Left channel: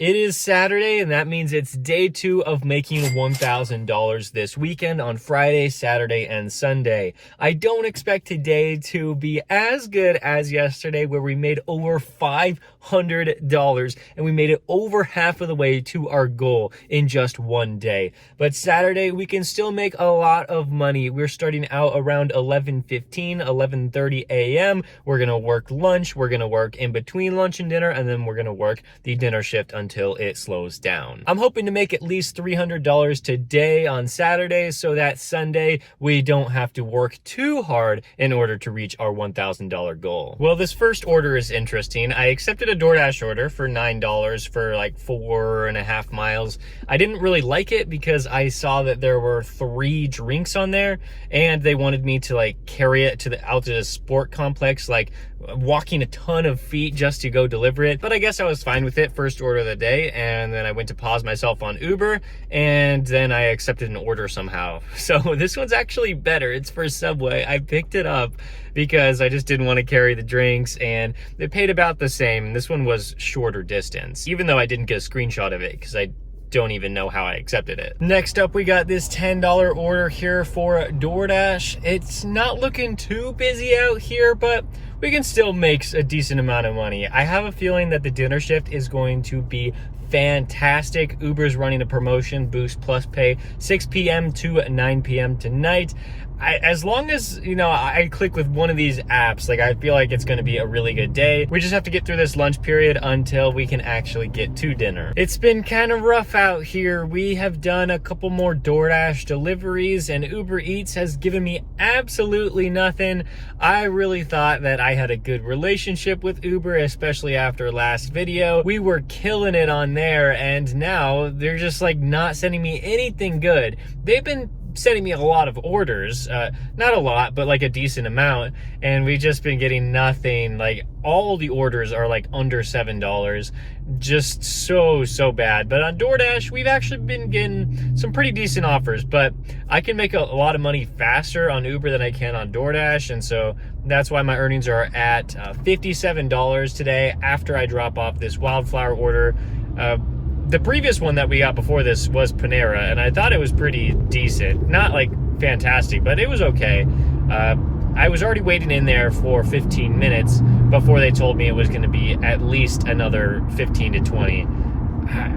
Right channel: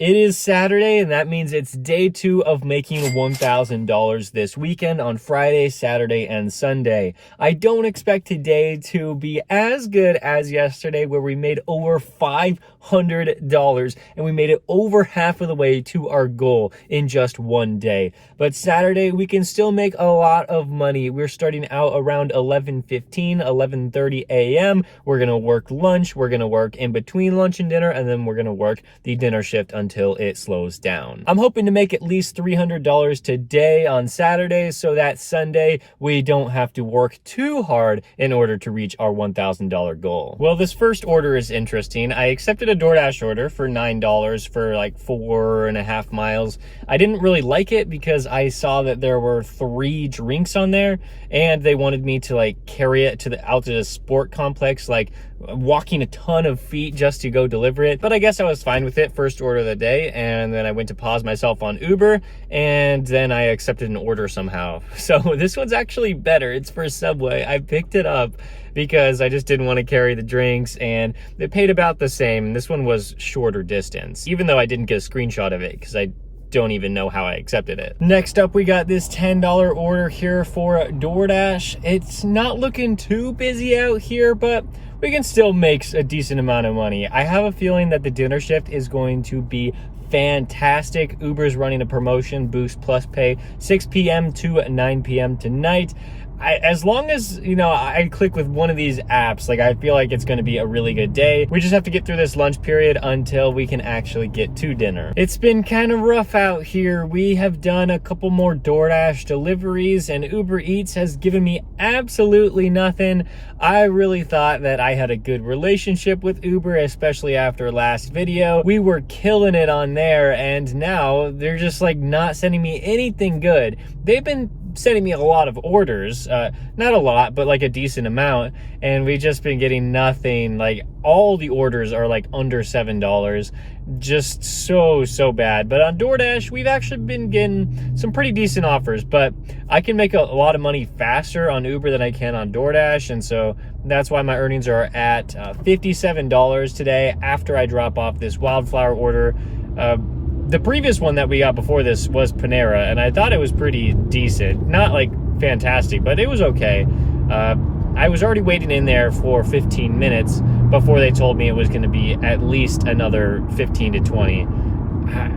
It is Saturday, and that means it's day 2 of making $1,000 this weekend on Friday, Saturday, and Sunday. I don't expect today to be as good as yesterday, where we made over $500, and we made it over half of the way to our goal in just one day. But Saturday, we can still make a lot of money. We're starting out around 11:15, 11:30 a.m. We're going to work lunch, we're going to work in between lunch and dinner, and then we're going to work the dinner shift until it slows down. I'm hoping to make at least $300 today on Saturday, so that Sunday we don't have to work too hard in order to reach our $1,000 goal. Well, this first order is interesting. I accepted a DoorDash order for $9 for like 4.5 miles. I didn't really like it because I saw that there were 3 drinks on there, and they wanted me to like carry it out to the sport complex, like walking a ton of feet just to go deliver it. But I guess I was fine with it. First order of the day, and then I went to pause myself on Uber, and then I accepted an order somehow. So this one's actually better. It's for Subway. I picked it up because I just didn't want to carry the drinks, and they paid about the same. This one was shorter distance, even though I didn't get a screenshot of it because I don't even know how I accepted it. Next up, we got this $10 order here for DoorDash. It's not looking too busy out here, but we can still make a decent amount of money. I have a feeling that the dinner shift is going to be fantastic. Uber's running a promotion, Boost Plus Pay, 6 p.m. to 9 p.m. tonight. As long as, I click with one of these apps, like I feel like it's going to be a really good day. We just have to get through this lunch period until we can actually get to dinner. It's been kind of rough out here. We have done a couple more DoorDash deliveries, and Uber Eats has given me absolutely nothing. I really thought that I had a good relationship with Uber, especially after last video. We were killing it on there, and now they're just like not sending me anything good. They've been sending me a lot of orders, not a lot, but like a decent amount, and we've just been getting nothing. Like all the orders are like under $7, just so bad. But on DoorDash, we've actually been getting some pretty decent offers, but I can make a lot of money faster on Uber than I can on DoorDash, and so that's why my earnings are at $57 today after I drop off this wildflower order. The previous one that we got before this was Panera, and I thought it was pretty decent. Not like fantastic, but it was okay. I was already waiting in there for 15 minutes before they told me it was going to be at least another 15 to 20.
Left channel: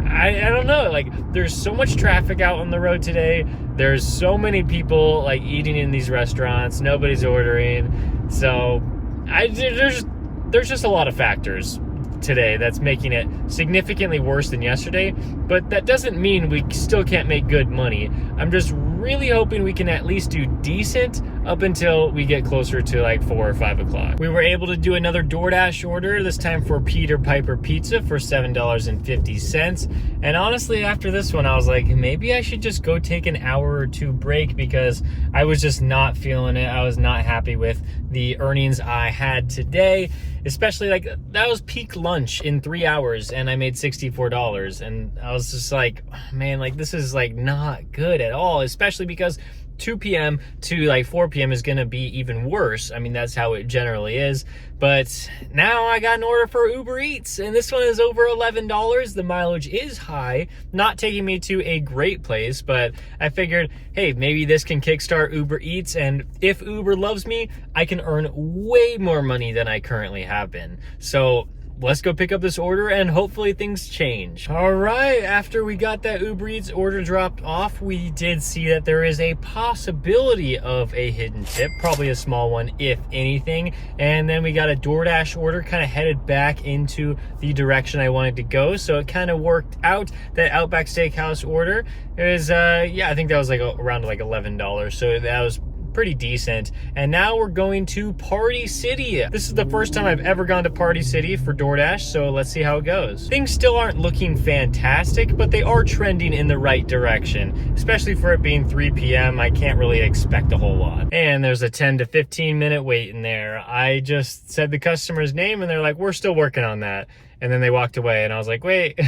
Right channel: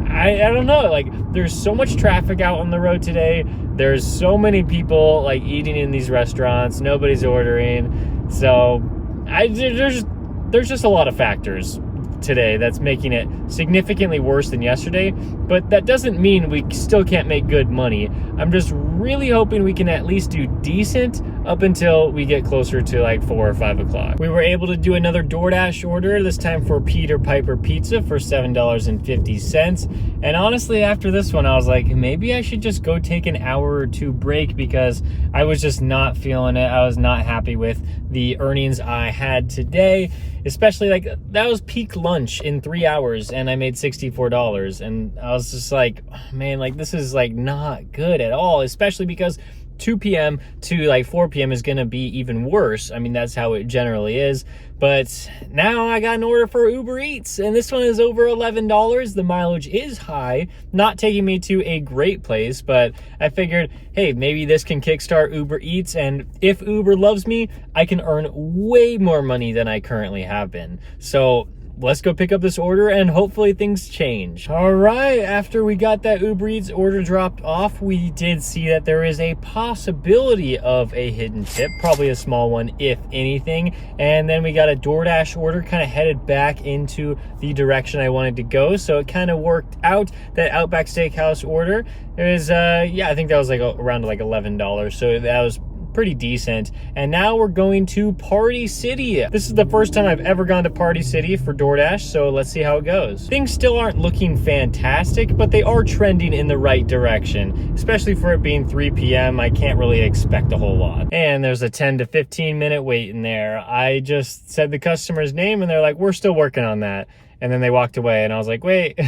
I don't know, like there's so much traffic out on the road today. There's so many people like eating in these restaurants. Nobody's ordering. So there's just a lot of factors today that's making it significantly worse than yesterday, but that doesn't mean we still can't make good money. I'm just really hoping we can at least do decent up until we get closer to like 4 or 5 o'clock. We were able to do another DoorDash order, this time for Peter Piper Pizza for $7.50. And honestly, after this one, I was like, maybe I should just go take an hour or 2 break because I was just not feeling it. I was not happy with the earnings I had today. Especially like that was peak lunch in 3 hours, and I made $64, and I was just like, man, like this is like not good at all, especially because 2 p.m. to like 4 p.m. is gonna be even worse. I mean, that's how it generally is. But now I got an order for Uber Eats, and this one is over $11. The mileage is high, not taking me to a great place, but I figured, hey, maybe this can kickstart Uber Eats, and if Uber loves me, I can earn way more money than I currently have been. So let's go pick up this order and hopefully things change. All right, after we got that Uber Eats order dropped off, we did see that there is a possibility of a hidden tip, probably a small one if anything. And then we got a DoorDash order kind of headed back into the direction I wanted to go. So it kind of worked out. That Outback Steakhouse order, it was, I think that was like around like $11. So that was pretty decent. And now we're going to Party City. This is the first time I've ever gone to Party City for DoorDash, so let's see how it goes. Things still aren't looking fantastic, but they are trending in the right direction, especially for it being 3 p.m. I can't really expect a whole lot. And there's a 10 to 15 minute wait in there. I just said the customer's name, and they're like, we're still working on that. And then they walked away, and I was like, wait,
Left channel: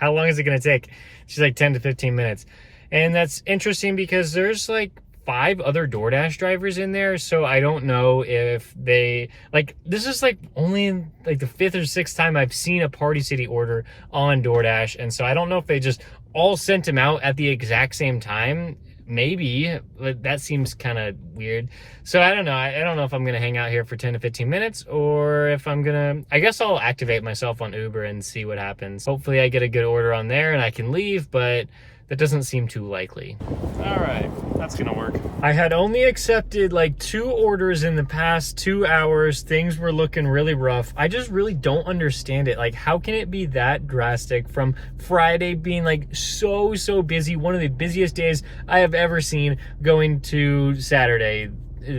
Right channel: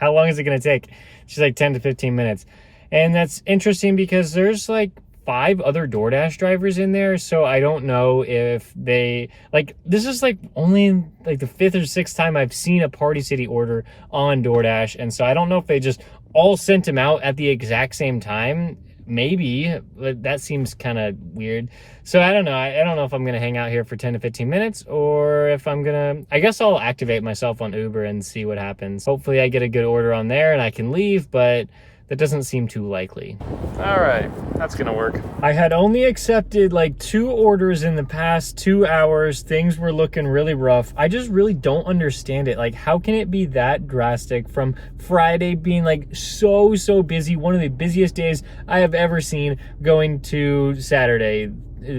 how long is it gonna take? She's like 10 to 15 minutes. And that's interesting because there's like 5 other DoorDash drivers in there, so I don't know if they, like, this is like only like the 5th or 6th time I've seen a Party City order on DoorDash, and so I don't know if they just all sent them out at the exact same time. Maybe, but that seems kind of weird. So I don't know. I don't know if I'm gonna hang out here for 10 to 15 minutes or if I'm gonna, I guess I'll activate myself on Uber and see what happens. Hopefully I get a good order on there and I can leave, but that doesn't seem too likely. All right, that's gonna work. I had only accepted like 2 orders in the past 2 hours. Things were looking really rough. I just really don't understand it. Like, how can it be that drastic from Friday being like so busy, one of the busiest days I have ever seen, going to Saturday,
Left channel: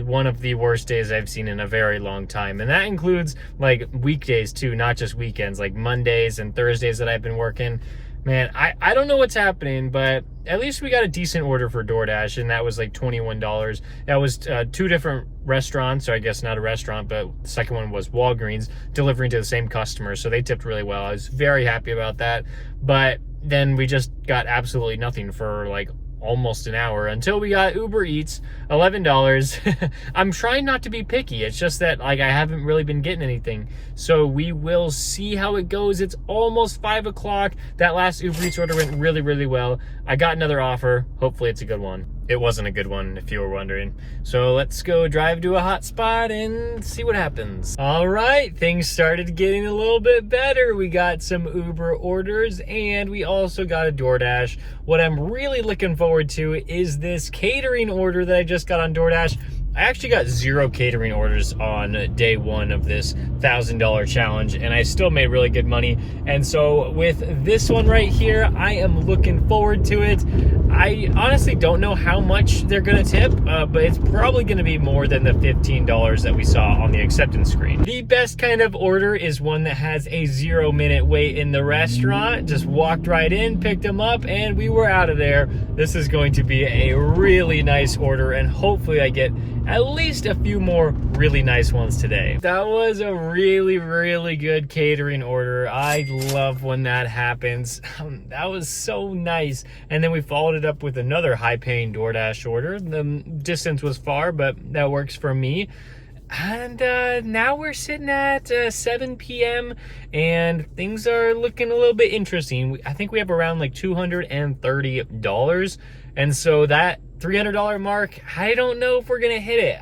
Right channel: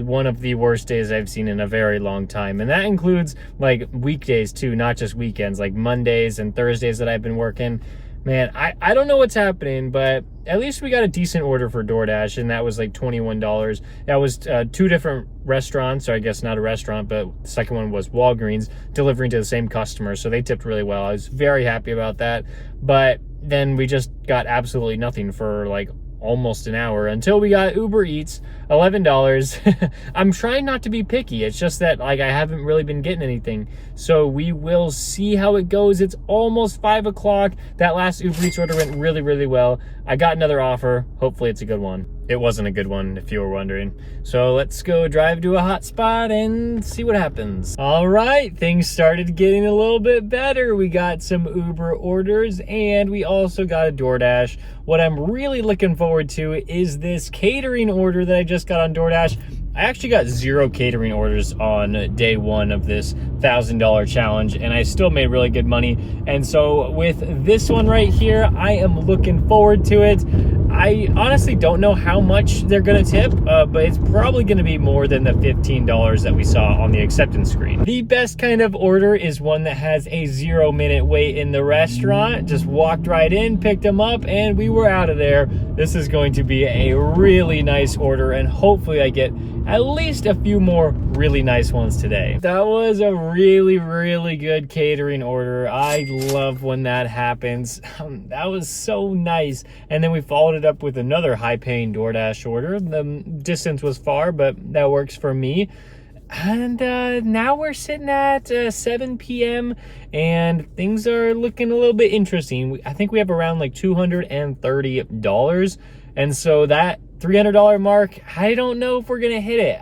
one of the worst days I've seen in a very long time. And that includes like weekdays too, not just weekends, like Mondays and Thursdays that I've been working. Man, I don't know what's happening, but at least we got a decent order for DoorDash, and that was like $21. That was 2 different restaurants, so I guess not a restaurant, but the second one was Walgreens, delivering to the same customer, so they tipped really well. I was very happy about that, but then we just got absolutely nothing for like almost an hour until we got Uber Eats, $11. I'm trying not to be picky. It's just that like I haven't really been getting anything. So we will see how it goes. It's almost 5 o'clock. That last Uber Eats order went really well. I got another offer. Hopefully it's a good one. It wasn't a good one, if you were wondering. So let's go drive to a hot spot and see what happens. All right, things started getting a little bit better. We got some Uber orders and we also got a DoorDash. What I'm really looking forward to is this catering order that I just got on DoorDash. I actually got 0 catering orders on day 1 of this $1,000 challenge, and I still made really good money. And so with this one right here, I am looking forward to it. I honestly don't know how much they're gonna tip, but it's probably gonna be more than the $15 that we saw on the acceptance screen. The best kind of order is one that has a 0-minute wait in the restaurant. Just walked right in, picked them up, and we were out of there. This is going to be a really nice order, and hopefully I get at least a few more really nice ones today. That was a really good catering order. I love when that happens. That was so nice. And then we followed it up with another high-paying DoorDash order. The distance was far, but that works for me. And now we're sitting at 7 p.m. and things are looking a little bit interesting. I think we have around like $230. And so that $300 mark, I don't know if we're gonna hit it.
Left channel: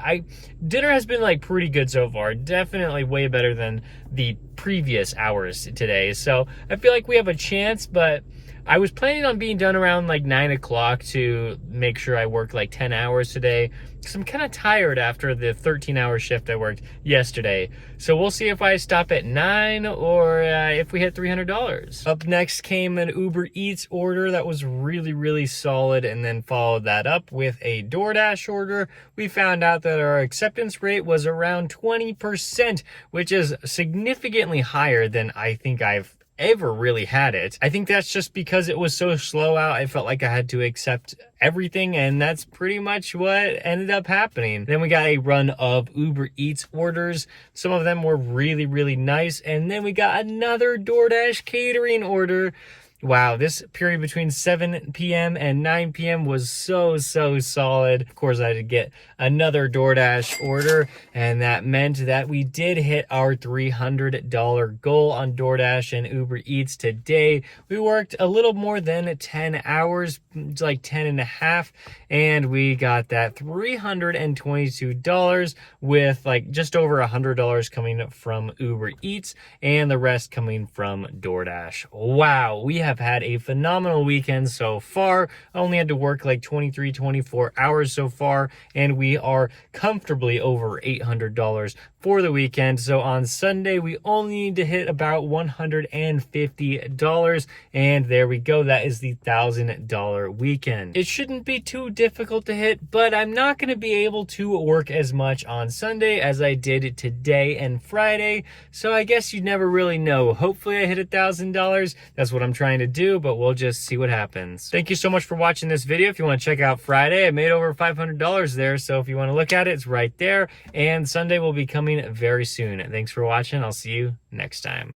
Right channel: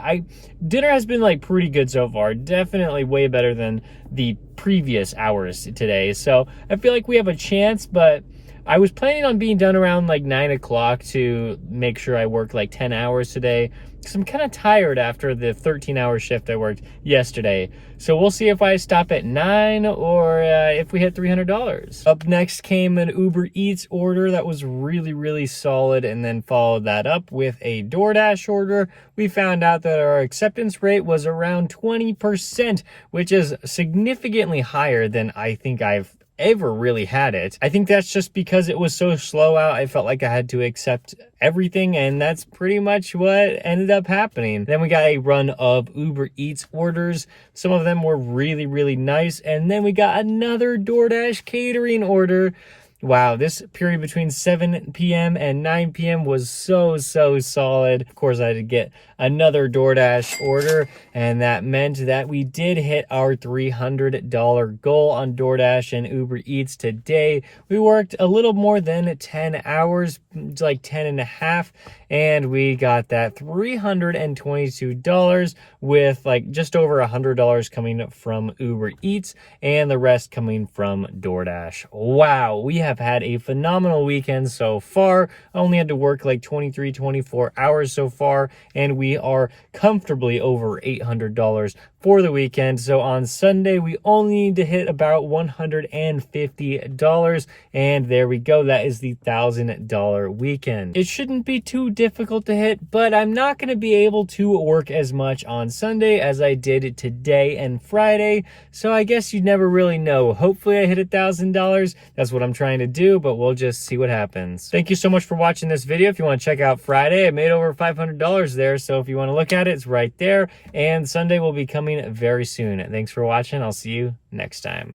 Dinner has been like pretty good so far, definitely way better than the previous hours today. So I feel like we have a chance, but I was planning on being done around like 9 o'clock to make sure I work like 10 hours today, because I'm kind of tired after the 13-hour shift I worked yesterday. So we'll see if I stop at 9 or if we hit $300. Up next came an Uber Eats order that was really solid, and then followed that up with a DoorDash order. We found out that our acceptance rate was around 20%, which is significantly higher than I think I've ever really had it. I think that's just because it was so slow out. I felt like I had to accept everything, and that's pretty much what ended up happening. Then we got a run of Uber Eats orders. Some of them were really nice, and then we got another DoorDash catering order. Wow, this period between 7 p.m. and 9 p.m. was so solid. Of course, I had to get another DoorDash order, and that meant that we did hit our $300 goal on DoorDash and Uber Eats today. We worked a little more than 10 hours, like 10 and a half, and we got that $322 with like just over $100 coming from Uber Eats and the rest coming from DoorDash. Wow, we have had a phenomenal weekend so far. I only had to work like 24 hours so far, and we are comfortably over $800 for the weekend. So on Sunday, we only need to hit about $150, and there we go. That is the $1,000 weekend. It shouldn't be too difficult to hit, but I'm not going to be able to work as much on Sunday as I did today and Friday, so I guess you never really know. Hopefully I hit $1,000. That's what I'm trying to do, but we'll just see what happens. Thank you so much for watching this video. If you want to check out Friday, I made over $500 there, so if you want to look at it, it's right there, and Sunday will be coming very soon. Thanks for watching. I'll see you next time.